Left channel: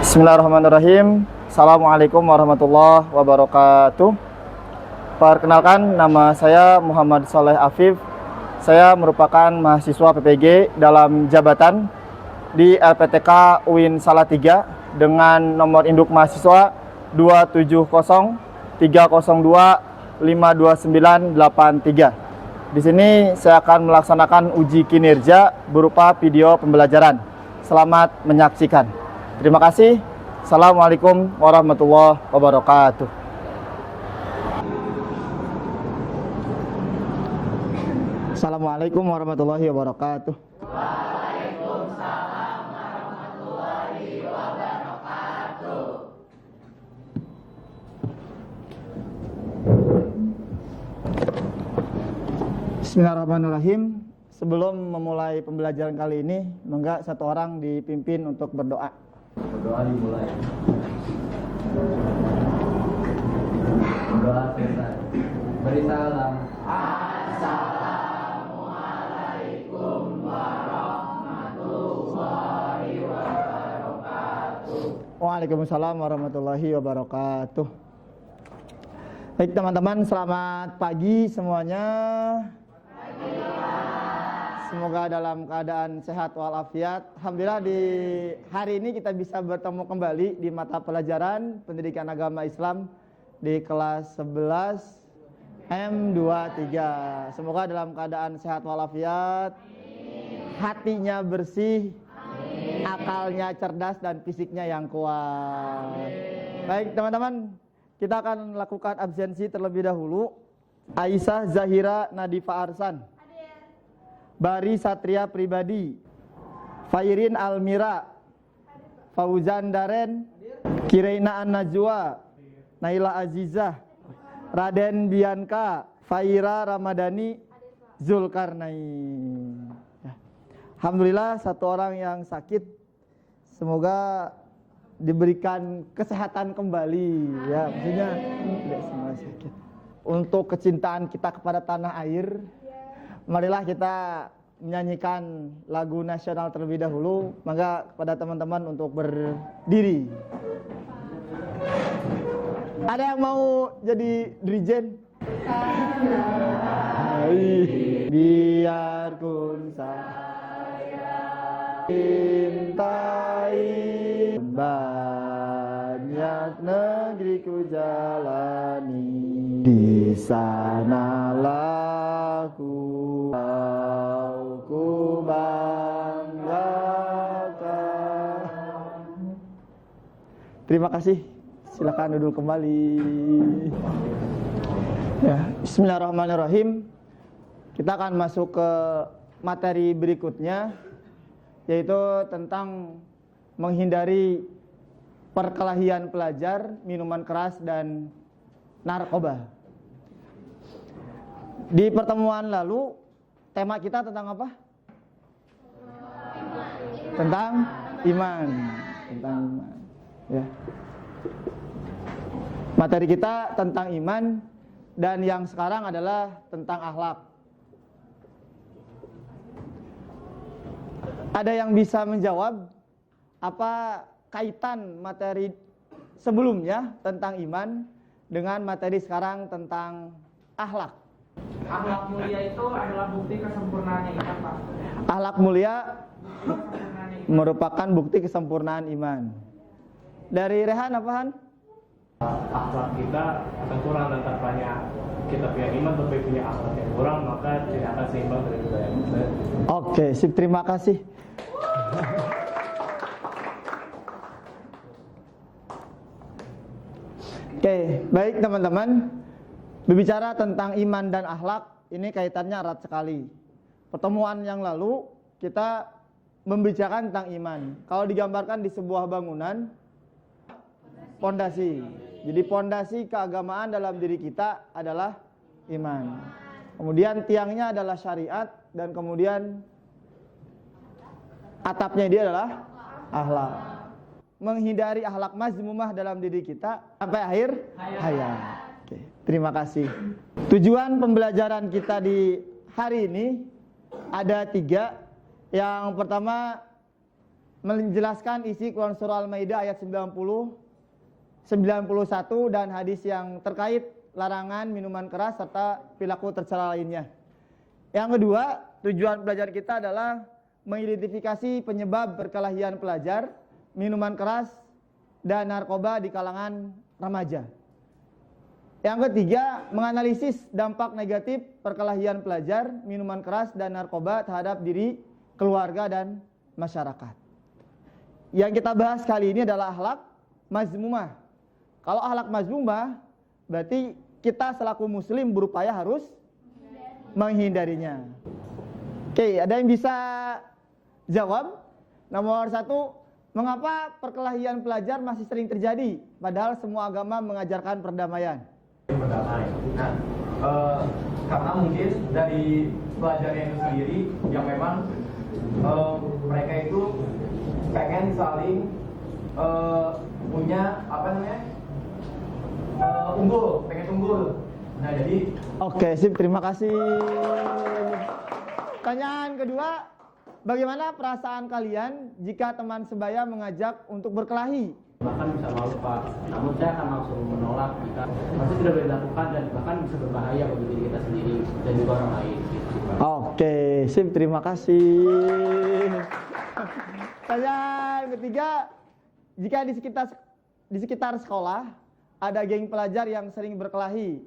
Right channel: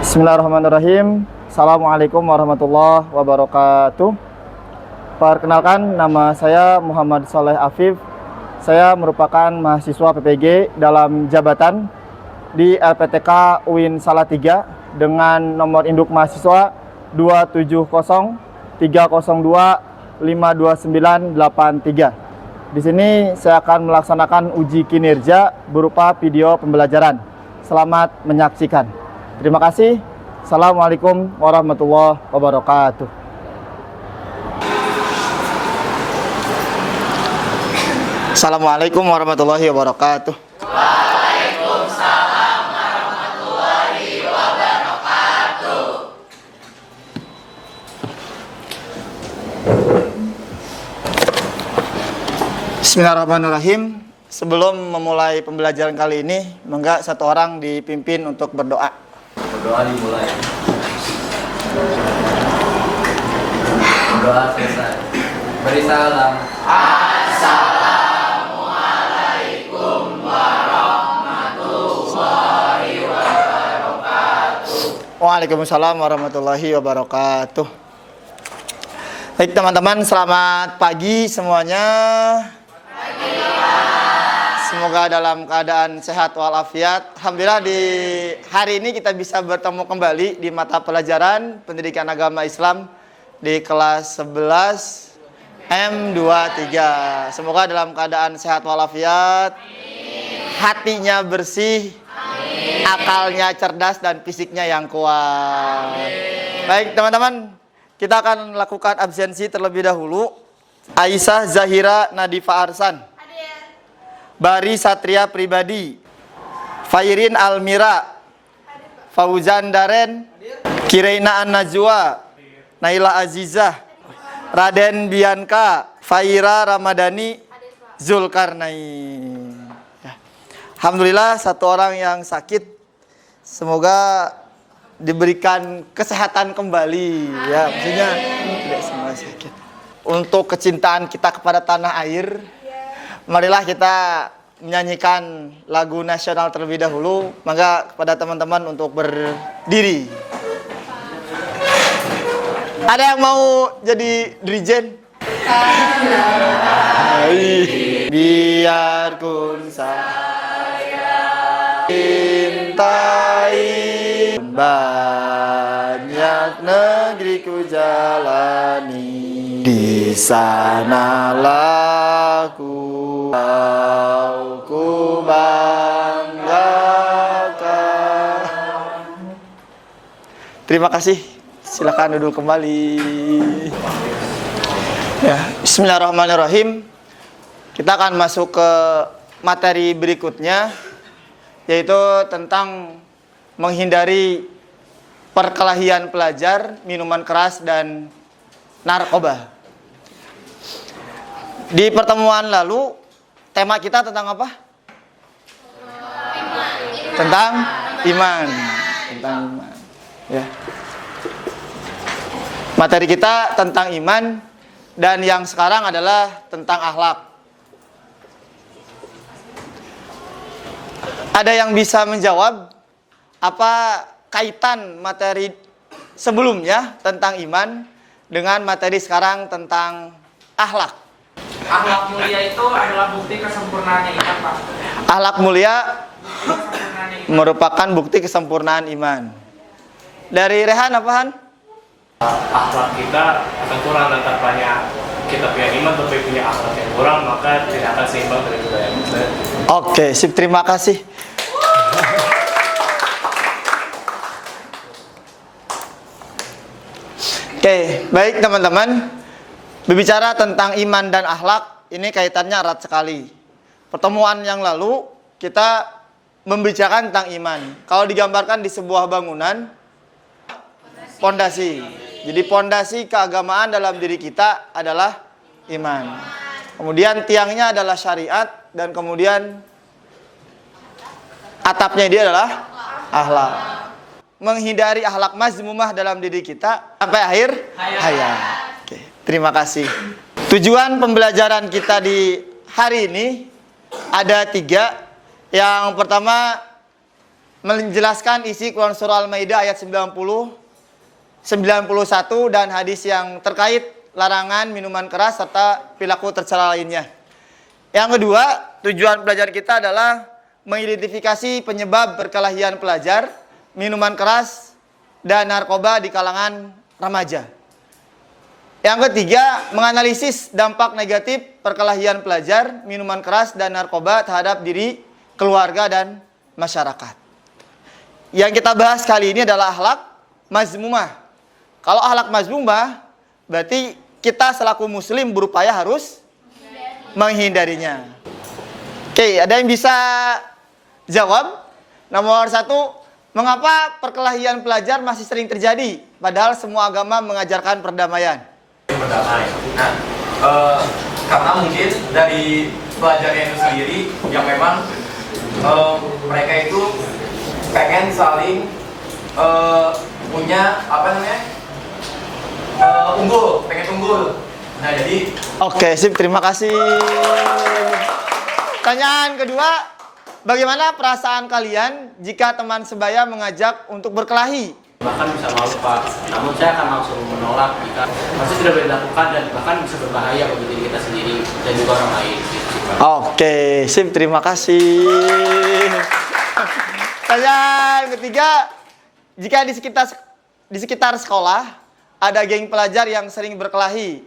Bismillahirrahmanirrahim. Assalamualaikum warahmatullahi wabarakatuh. Perkenalkan, nama saya Muhammad Saleh Afif. Saya merupakan mahasiswa PPG dalam jabatan di LPTK UIN Salatiga dengan nomor induk mahasiswa 2702302529983. Di sini saya akan melaksanakan uji kinerja berupa video pembelajaran. Selamat menyaksikan. Terima kasih. Assalamualaikum warahmatullahi wabarakatuh. Assalamualaikum warahmatullahi wabarakatuh. Waalaikumsalam warahmatullahi wabarakatuh. Bismillahirrahmanirrahim. Sebelum memulai pembelajaran kali ini, monggo satu orang dipimpin untuk berdoa. Berdoa dimulai. Berdoa selesai. Beri salam. Assalamualaikum warahmatullahi wabarakatuh. Waalaikumsalam warahmatullahi wabarakatuh. Baik teman-teman, selamat pagi semuanya. Semoga dalam keadaan sehat walafiat. Alhamdulillah di hari ini kita bisa bertemu kembali di mata pelajaran Pendidikan Agama Islam di kelas 11 M23. Semoga dalam keadaan sehat walafiat, hatinya bersih, akalnya cerdas dan fisiknya yang kuat. Baik teman-teman, kita akan lakukan absensi terlebih dahulu. Aisyah Zahira Nadifa Arsan, Bari Satria Pribadi, Fairin Almira, Fauzan Daren, Kireina An-Najwa, Naila Azizah, Raden Bianca, Faira Ramadhani, Zulkarnain. Ya. Alhamdulillah satu orang yang sakit, semoga diberikan kesehatan kembali. Ya, maksudnya tidak semua sakit. Untuk kecintaan kita kepada tanah air, marilah kita menyanyikan lagu nasional terlebih dahulu. Maka kepada teman-teman untuk berdiri. Ada yang mau jadi dirijen? Biarpun saya cintai, banyak negeri ku jalani, di sanalah ku banggakan. Terima kasih. Silakan duduk kembali. Ya, bismillahirrahmanirrahim. Kita akan masuk ke materi berikutnya, yaitu tentang menghindari perkelahian pelajar, minuman keras dan narkoba. Di pertemuan lalu, tema kita tentang apa? Tentang iman. Tentang iman. Ya. Materi kita tentang iman, dan yang sekarang adalah tentang akhlak. Ada yang bisa menjawab apa kaitan materi sebelumnya tentang iman dengan materi sekarang tentang akhlak? Akhlak mulia itu adalah bukti kesempurnaan iman, Pak. Akhlak mulia merupakan bukti kesempurnaan iman. Dari Rehan apa Han? Akhlak kita akan kurang dan tanpanya kita punya iman tapi punya akhlak yang kurang, maka tidak akan seimbang dari budaya Muslim. Oke, sip, terima kasih. Oke, baik teman-teman. Berbicara tentang iman dan akhlak, ini kaitannya erat sekali. Pertemuan yang lalu kita membicarakan tentang iman. Kalau digambarkan di sebuah bangunan, pondasi. Jadi pondasi keagamaan dalam diri kita adalah iman. Kemudian tiangnya adalah syariat, dan kemudian atapnya dia adalah akhlak. Menghindari akhlak mazmumah dalam diri kita sampai akhir hayat. Oke, terima kasih. Tujuan pembelajaran kita di hari ini ada 3. Yang pertama, menjelaskan isi Quran surah Al-Maidah ayat 90, 91 dan hadis yang terkait larangan minuman keras serta perilaku tercela lainnya. Yang kedua, tujuan pelajaran kita adalah mengidentifikasi penyebab perkelahian pelajar, minuman keras, dan narkoba di kalangan remaja. Yang ketiga, menganalisis dampak negatif perkelahian pelajar, minuman keras, dan narkoba terhadap diri, keluarga, dan masyarakat. Yang kita bahas kali ini adalah akhlak mazmumah. Kalau akhlak mazmumah, berarti kita selaku muslim berupaya harus menghindarinya. Oke, ada yang bisa jawab? Nomor 1, mengapa perkelahian pelajar masih sering terjadi? Padahal semua agama mengajarkan perdamaian. Berdamai. Nah, karena mungkin dari pelajarnya itu sendiri yang memang mereka itu pengen saling punya apa namanya pengen unggul. Nah jadi Oke, sip, terima kasih. Pertanyaan kedua, bagaimana perasaan kalian jika teman sebaya mengajak untuk berkelahi? Bahkan bisa malu Pak, namun saya akan langsung menolak jika masih tidak boleh dilakukan dan bahkan bisa berbahaya bagi diri kita sendiri dan juga orang lain. Oke, sip, terima kasih. Pertanyaan ketiga, jika di sekitar sekolah ada geng pelajar yang sering berkelahi,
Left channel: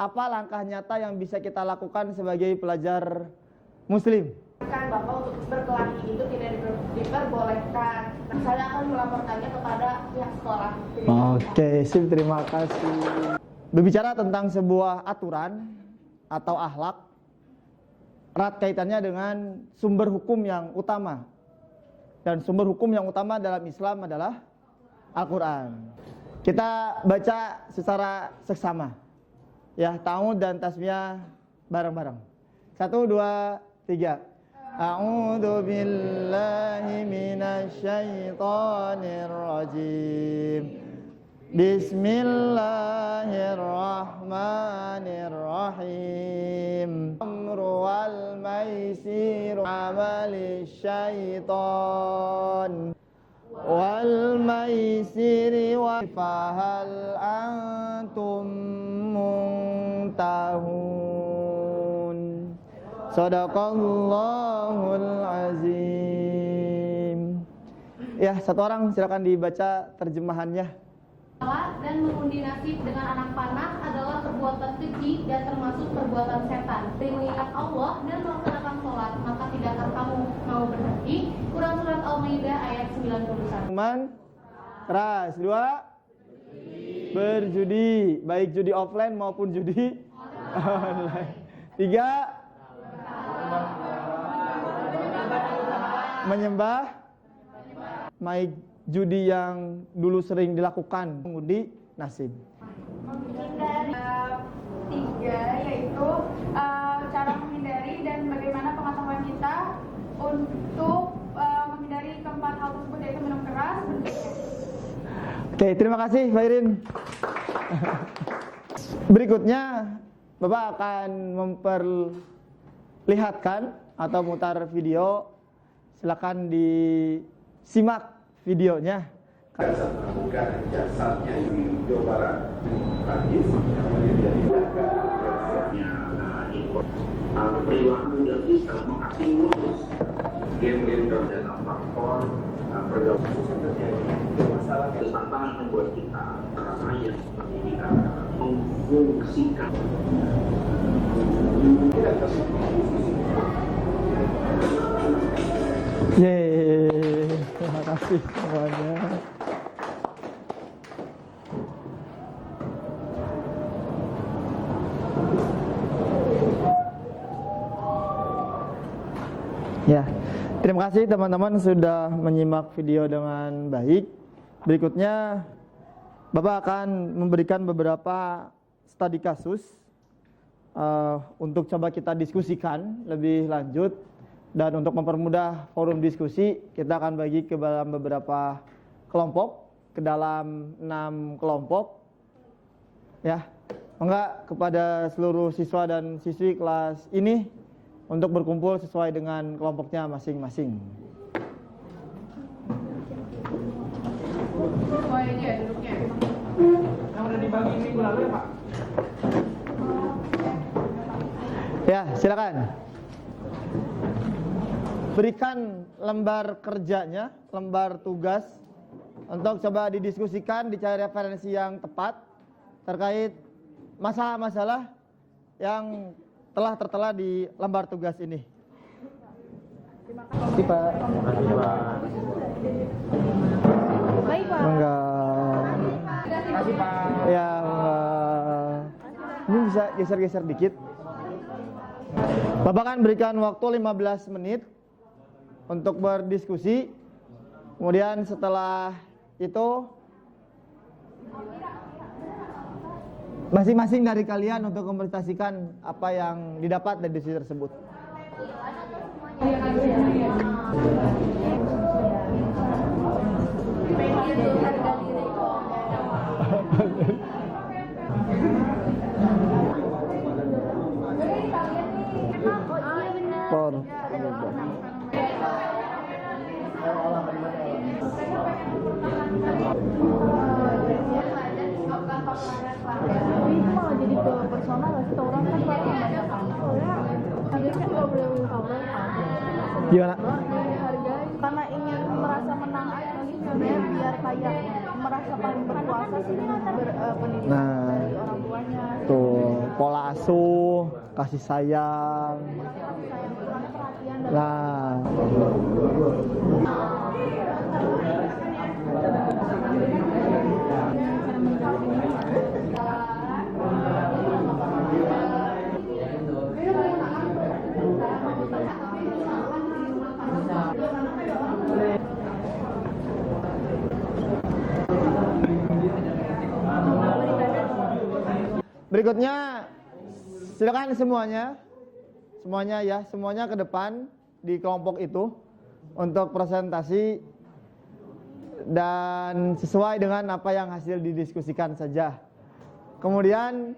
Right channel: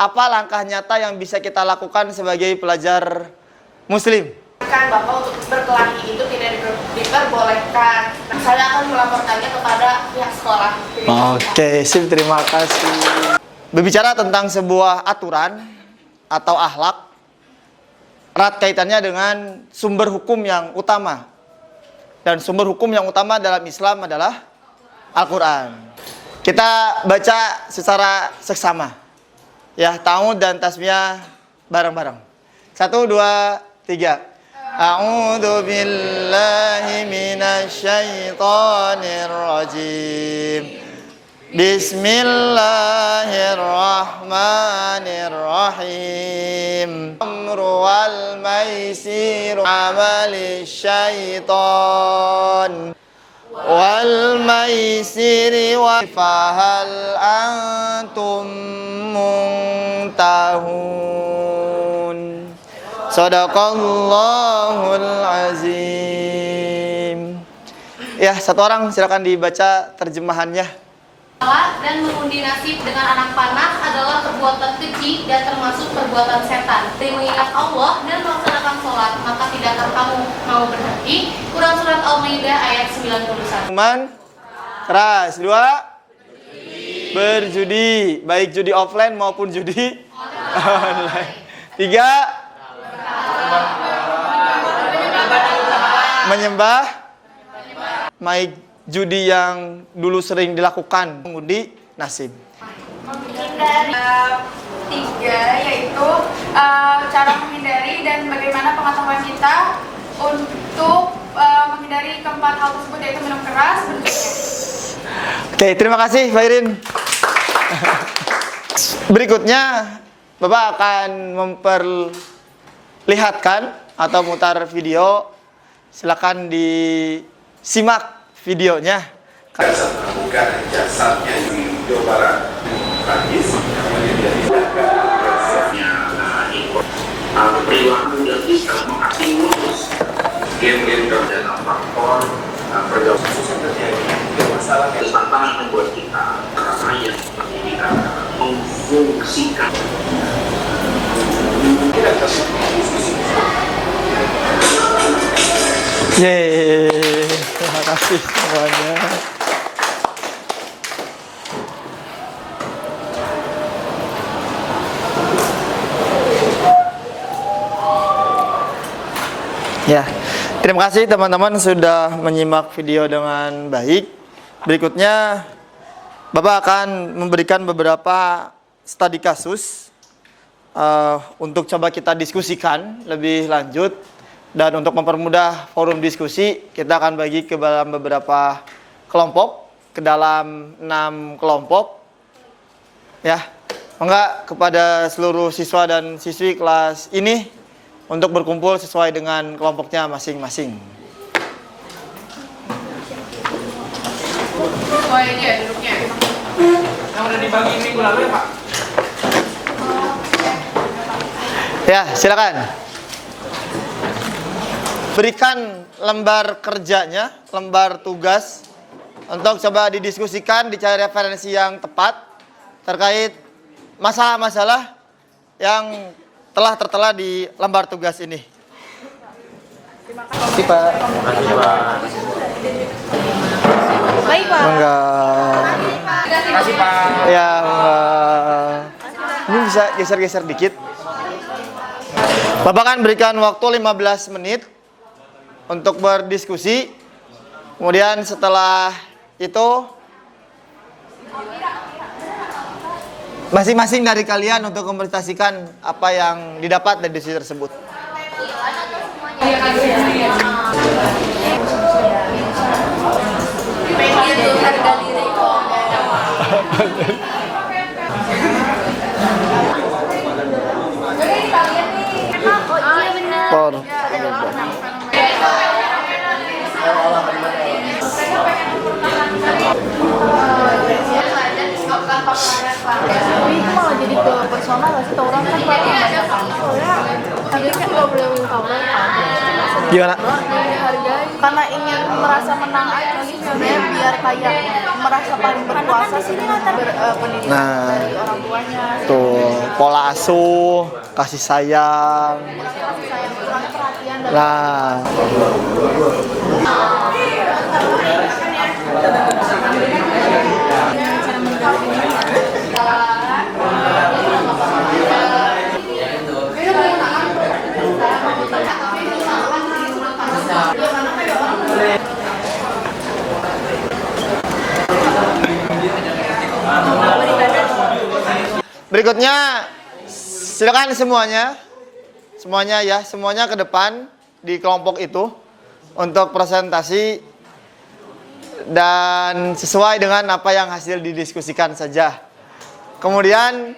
apa langkah nyata yang bisa kita lakukan sebagai pelajar muslim? Kan Bapak untuk berkelahi itu tidak diperbolehkan. Saya akan melaporkannya kepada pihak sekolah. Oke, sip, terima kasih. Berbicara tentang sebuah aturan atau akhlak, erat kaitannya dengan sumber hukum yang utama. Dan sumber hukum yang utama dalam Islam adalah Al-Quran. Kita baca secara seksama. Ya, ta'awud dan tasmiyah bareng-bareng. 1, 2, 3. A'udzu billahi minasyaitonir rajim. Bismillahirrahmanirrahim. Amru wal maisiru amali syaitan wal maisiri wa fahal antum muntahun. Sadaqallahul azim. Ya, satu orang silakan dibaca terjemahannya. Dan mengundi nasib dengan anak panah adalah perbuatan keji dan termasuk perbuatan setan. Dan mengingat Allah dan melaksanakan sholat, maka tidakkah kamu mau berhenti? Quran surat Al-Maidah ayat 91. Minuman keras. 2, berjudi, baik judi offline maupun judi online. 3, menyembah, baik judi yang dulu sering dilakukan, mengundi nasib. Menghindari 3 yaitu cara menghindari dan bagaimana pengetahuan kita untuk menghindari keempat hal tersebut, yaitu minum keras, berjudi. Oke, terima kasih Fairin. Berikutnya Bapak akan memperlihatkan atau mutar video. Silakan disimak videonya. Bukan jasadnya di Jawa Barat, tragis namanya dari perilaku yang bisa mengakibatkan game-game dalam faktor pergaulan yang terjadi. Masalah tantangan membuat kita rasanya seperti kita memfungsikan. Yeay, terima kasih semuanya. Ya, terima kasih teman-teman sudah menyimak video dengan baik. Berikutnya, Bapak akan memberikan beberapa studi kasus untuk coba kita diskusikan lebih lanjut. Dan untuk mempermudah forum diskusi, kita akan bagi ke dalam beberapa kelompok, ke dalam 6 kelompok. Ya, enggak kepada seluruh siswa dan siswi kelas ini untuk berkumpul sesuai dengan kelompoknya masing-masing. sesuai ini ya duduknya. Yang udah dibagi minggu lalu ya Pak? Ya, silakan. Berikan lembar kerjanya, lembar tugas untuk coba didiskusikan, dicari referensi yang tepat terkait masalah-masalah yang telah tertera di lembar tugas ini. Terima kasih, Pak. Baik, Pak. Enggak. Terima kasih Pak. Ya, enggak. Ini bisa geser-geser dikit. Bapak kan berikan waktu 15 menit untuk berdiskusi. Kemudian setelah itu masing-masing dari kalian untuk mempresentasikan apa yang didapat dari diskusi tersebut. Por. Tapi itu malah jadi ke personal gak sih? Orang kan banyak soalnya harganya kan gak boleh willpower kan. Gimana? Dihargai karena ingin merasa menang aja sih sebenarnya, biar kayak merasa paling berkuasa sih pendidikan dari orang tuanya. Tuh, pola asuh, kasih sayang. Kasih sayang, kurang perhatian dan Nah, berikutnya silakan semuanya ke depan di kelompok itu untuk presentasi dan sesuai dengan apa yang hasil didiskusikan saja. Kemudian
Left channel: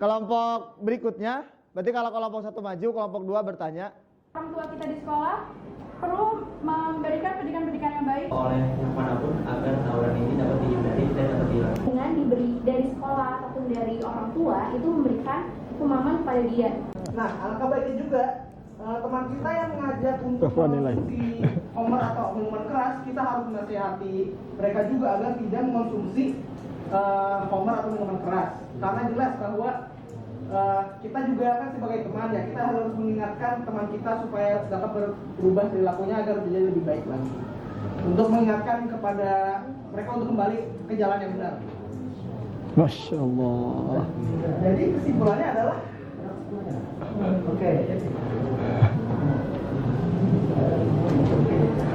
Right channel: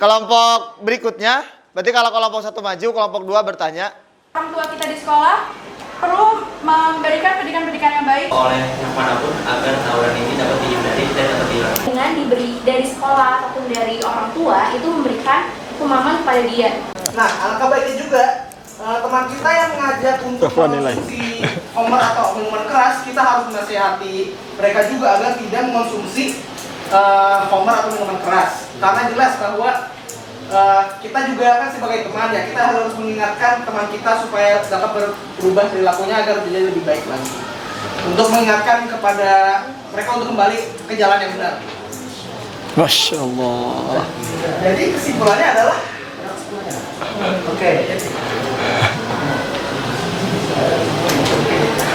kelompok berikutnya, berarti kalau kelompok 1 maju, kelompok 2 bertanya. Orang tua kita di sekolah perlu memberikan pendidikan yang baik oleh yang manapun agar tawuran ini dapat dihindari dan dapat dilakukan. Dengan diberi dari sekolah ataupun dari orang tua itu memberikan pemahaman kepada dia. Nah, alangkah baiknya juga teman kita yang mengajak untuk mengonsumsi homer atau minuman keras, kita harus menasihati mereka juga agar tidak mengonsumsi homer atau minuman keras. Karena jelas bahwa kita juga kan sebagai teman ya, kita harus mengingatkan teman kita supaya dapat berubah perilakunya agar menjadi lebih baik lagi. Untuk mengingatkan kepada mereka untuk kembali ke jalan yang benar. Masya Allah. Jadi kesimpulannya adalah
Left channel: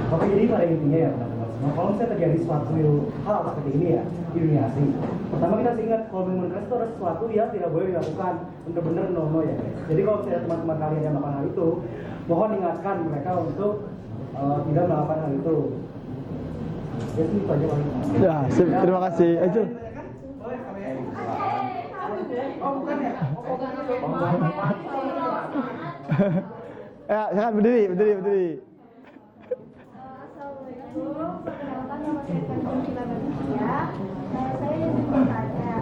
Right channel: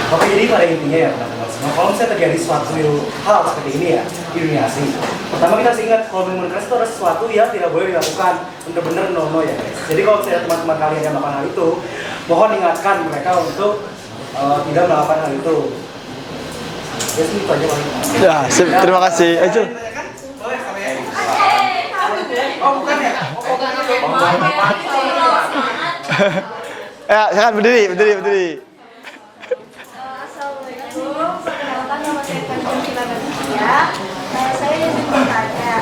Oke, jadi pada intinya ya teman-teman semua, kalau misalnya terjadi suatu hal seperti ini ya di dunia asli, pertama kita harus ingat kalau minuman keras itu adalah sesuatu yang tidak boleh dilakukan, benar-benar no ya guys. Jadi kalau misalnya teman-teman kalian yang melakukan hal itu, mohon ingatkan mereka untuk tidak melakukan hal itu. Ya sih itu aja paling. Ya, terima kasih. Ayo. oh bukan ya? Ya, silakan berdiri. Assalamualaikum, perkenalkan nama saya Kanjeng Kilanatia. Saya ingin bertanya.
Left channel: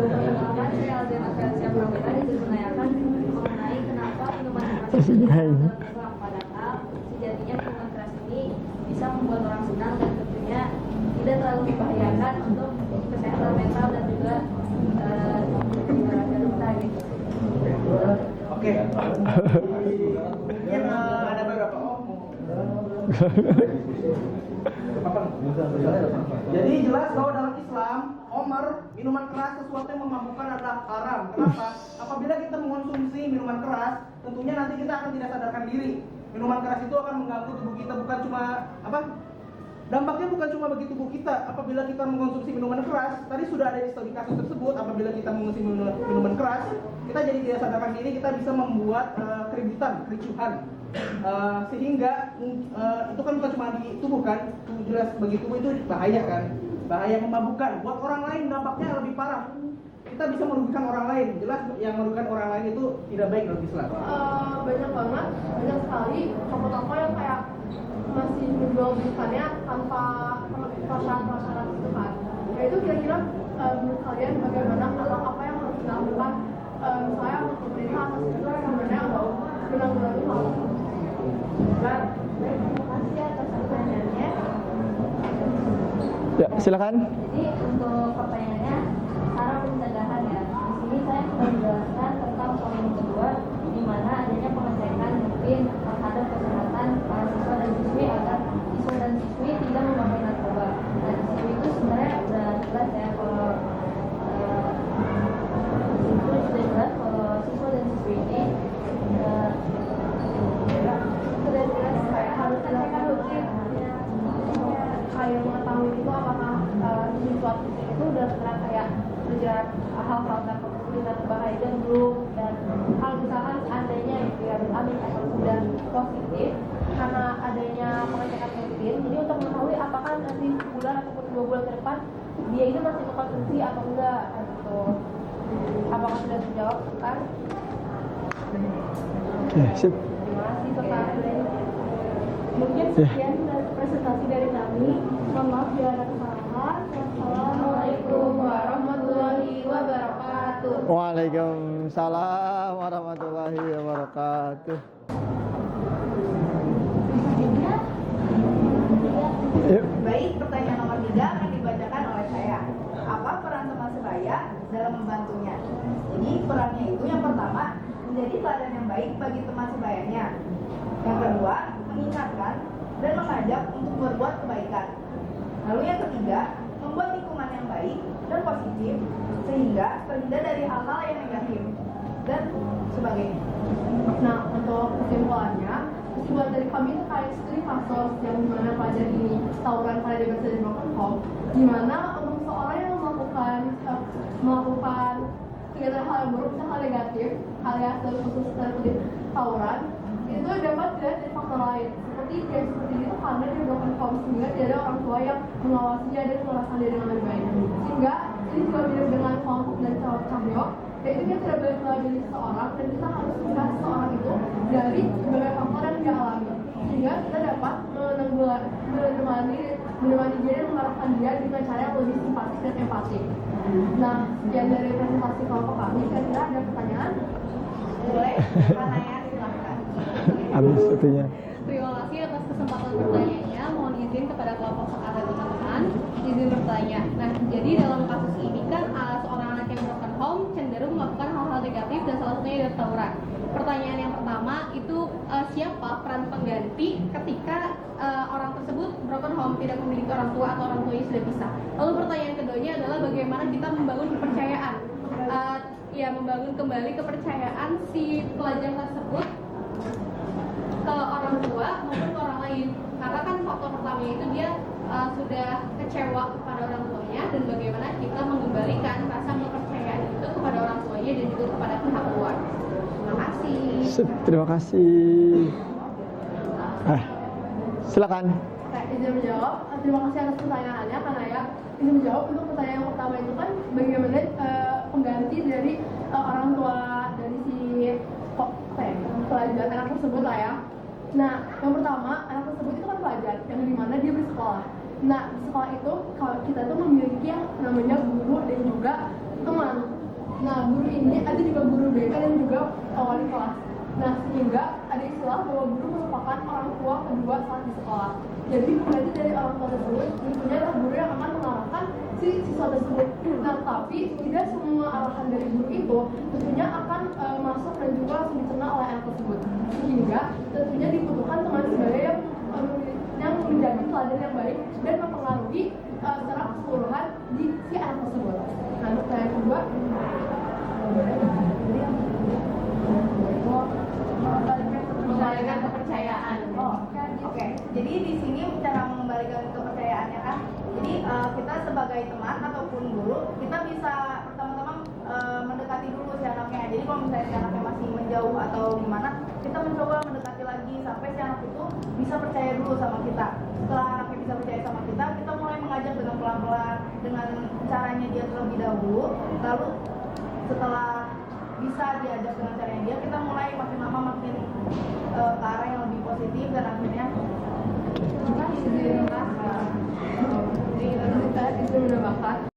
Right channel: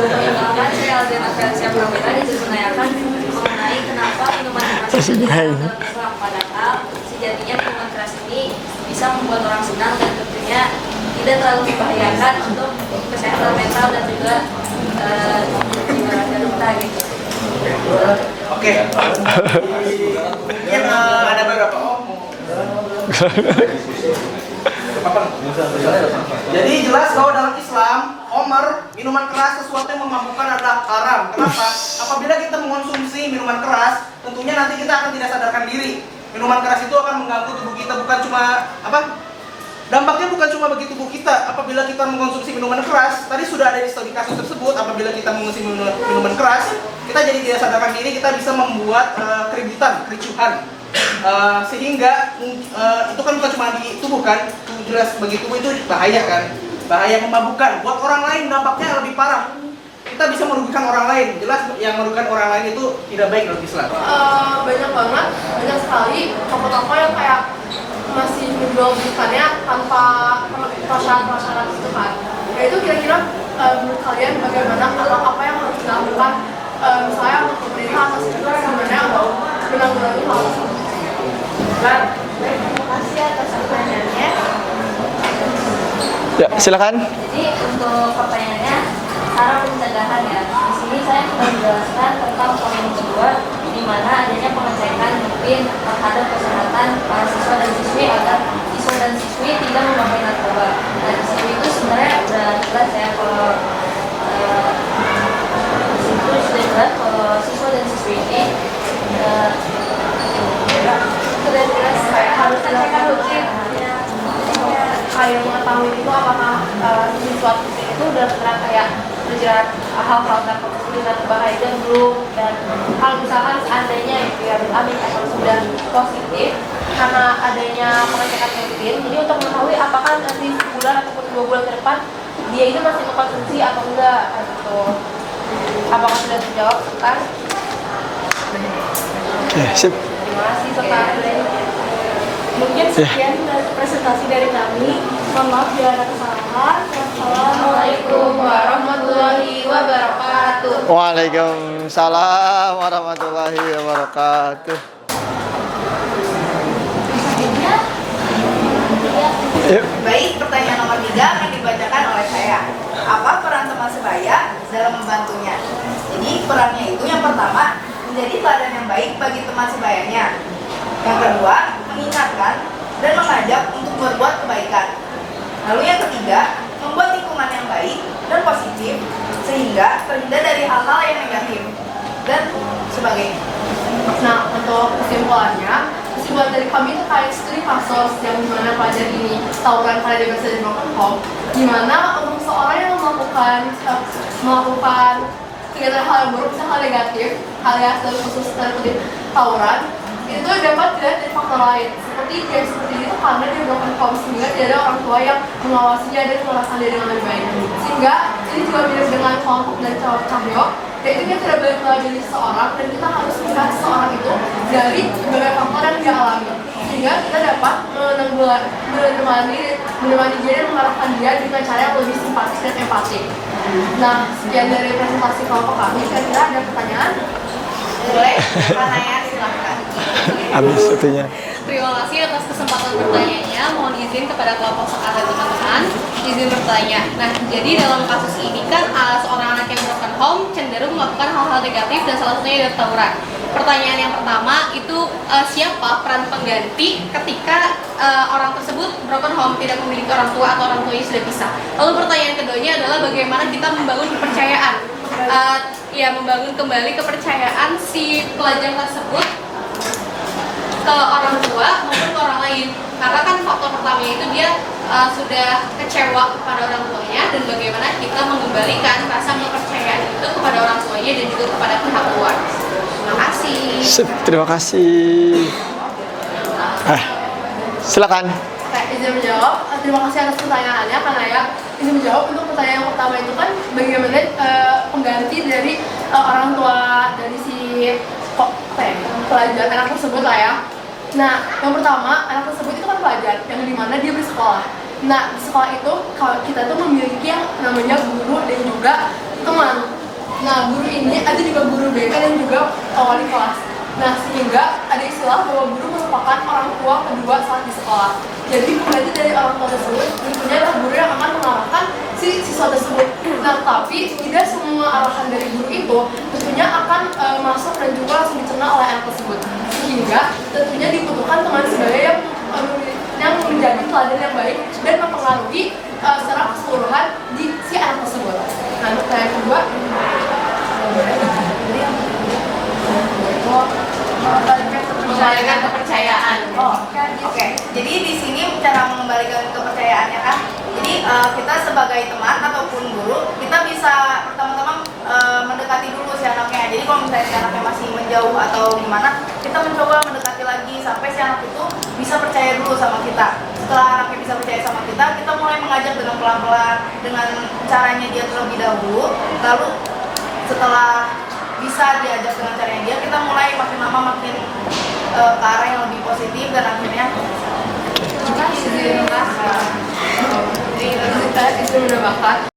Perkenalkan saya Aldiana Felsia Pramita, izin menanyakan mengenai kenapa minuman keras itu dianggap padahal sejatinya minuman keras ini bisa membuat orang senang dan tentunya tidak terlalu membahayakan untuk kesehatan mental dan juga jiwa raga kita gitu. Oke. Yang ada beberapa Jadi jelas bahwa dalam Islam, homer, minuman keras, sesuatu yang memabukkan adalah haram. Kenapa? Apabila kita mengonsumsi minuman keras, tentunya nanti kita akan tidak sadarkan diri. Minuman keras itu akan mengganggu tubuh kita, bukan cuma dampaknya bukan cuma bagi tubuh kita. Apabila kita mengonsumsi minuman keras, tadi sudah ada di studi kasus tersebut, apabila kita mengonsumsi minuman keras, kita jadi tidak sadarkan diri, kita bisa membuat kericuhan. Sehingga itu kan bukan cuma di tubuh kan, jelas bagi tubuh itu bahaya kan, bahaya memabukkan. Buat orang lain dampaknya lebih parah. Kita kita bisa merugikan orang lain. Jelas yang merugikan orang lain itu tidak baik dalam Islam. Banyak banget, banyak sekali toko-toko yang kayak masih menjual belikannya tanpa prasyarat itu kan. Ya itu kira-kira menurut kalian bagaimana atau apa yang harus dilakukan misalnya untuk berdiri atas itu sebenarnya atau menanggulangi hal tersebut? Baik, terima kasih atas pertanyaannya. Ya, silakan. Jadi untuk pertanyaannya, cara pencegahan ya. Di sini saya akan menjelaskan tentang poin kedua, di mana adanya pengecekan rutin terhadap kesehatan para siswa dan siswi agar siswa dan siswi tidak memakai narkoba. Nah di sini itu sebenarnya udah jelas ya kalau di situ sudah jelas kalau siswa dan siswi ini sudah jelas kayak harus dilakukan rutin. Kayak mengetahui itu apakah siswa itu udah pernah kayak berjalan hal-hal yang berbahaya dan belum, dan kalau misalkan seandainya itu ya amit atau sudah positif karena adanya pengecekan rutin, jadi untuk mengetahui apakah nanti sebulan ataupun 2 bulan ke depan dia itu masih mengkonsumsi atau enggak gitu. Apakah sudah terjawab kan? Oke, sip. Terima kasih Sotan. Mungkin sekian presentasi dari kami. Mohon maaf bila ada kesalahan. Wassalamualaikum warahmatullahi wabarakatuh. Waalaikumsalam warahmatullahi wabarakatuh. Baik, pertanyaan nomor 3 akan dibacakan oleh saya. Apa peran teman sebaya dalam membantunya? Jadi perannya itu yang pertama, menjadi teladan yang baik bagi teman sebayanya. Yang kedua, mengingatkan dan mengajak untuk berbuat kebaikan. Lalu yang ketiga, membuat lingkungan yang baik dan positif sehingga terhindar dari hal-hal yang negatif dan sebagainya. Nah, untuk kesimpulan dari kami itu kayak studi kasus yang dimana pelajar ini tawuran karena dia berada di broken home, dimana untuk seorang yang melakukan kegiatan hal yang buruk, misalnya hal negatif, alias dalam khusus terkutip tawuran, itu dapat dilihat dari faktor lain seperti dia seperti itu karena dia broken home sehingga tidak ada orang tua yang mengawasinya dan mengawasi dia dengan lebih baik, sehingga ini juga mirip dengan kelompok dari Cahyo, yaitu kita tidak boleh mengajari seseorang dan kita harus melihat seseorang itu dari berbagai faktor yang dia alami sehingga kita dapat menemani dia dan mengarahkan dia dengan cara yang lebih simpatis dan empatik. Nah, sekian dari presentasi kelompok kami. Kira-kira ada pertanyaan? Boleh, pertanyaan silahkan. Habis waktunya. Terima kasih atas kesempatan bertanyanya. Mohon izin kepada kelompok sekarang dan teman-teman izin bertanya. Nah, jadi dalam kasus ini kan seorang anak yang broken home cenderung melakukan hal-hal negatif dan salah satunya adalah tawuran. Pertanyaan yang pertama itu siapa peran pengganti ketika orang tersebut broken home, tidak memiliki orang tua atau orang tuanya sudah pisah. Lalu pertanyaan keduanya adalah bagaimana kita membangun kepercayaan, membangun kembali kepercayaan si pelajar tersebut ke orang tua maupun ke orang lain, karena kan faktor pertamanya itu dia sudah kecewa kepada orang tuanya, dan bagaimana kita mengembalikan rasa kepercayaan itu kepada orang tuanya dan juga kepada pihak luar. Terima kasih. Terima kasih. Silakan. Izin menjawab. Terima kasih atas pertanyaannya, karena ya izin menjawab untuk pertanyaan yang pertama itu kan bagaimana pengganti dari orang tua dari si pelajar anak tersebut lah ya. Nah, yang pertama anak tersebut itu kan pelajar yang dimana dia bersekolah. Nah, di sekolah itu kalau kita tuh memiliki yang namanya guru dan juga teman. Nah, guru ini ada juga guru BK dan juga wali kelas. Nah, sehingga ada istilah bahwa guru merupakan orang tua kedua saat di sekolah. Jadi pengganti dari orang tua tersebut tentunya adalah guru yang akan mengarahkan si siswa tersebut. Nah, tapi tidak semua arahan dari guru itu tentunya akan masuk dan juga langsung dicerna oleh anak tersebut. Sehingga tentunya dibutuhkan teman sebaya yang menjadi teladan yang baik dan mempengaruhi secara keseluruhan di si anak tersebut. Nah, untuk yang kedua, mengembalikan kepercayaan. Oke. Jadi di sini cara mengembalikan kepercayaannya kan. Jadi kita sebagai teman ataupun guru, kita bisa pertama-tama mendekati dulu si anaknya. Jadi kalau misalnya si anaknya masih menjauh atau gimana, kita mencoba mendekati lagi sampai si anak itu bisa percaya dulu sama kita. Setelah anaknya bisa percaya sama kita mulai mengajak dengan pelan-pelan, dengan caranya dia terlebih dahulu. Lalu setelah bisa diajak dengan caranya dia, kita mulai makin lama makin ke arah yang lebih positif dan akhirnya Jadi kita itu menambahkan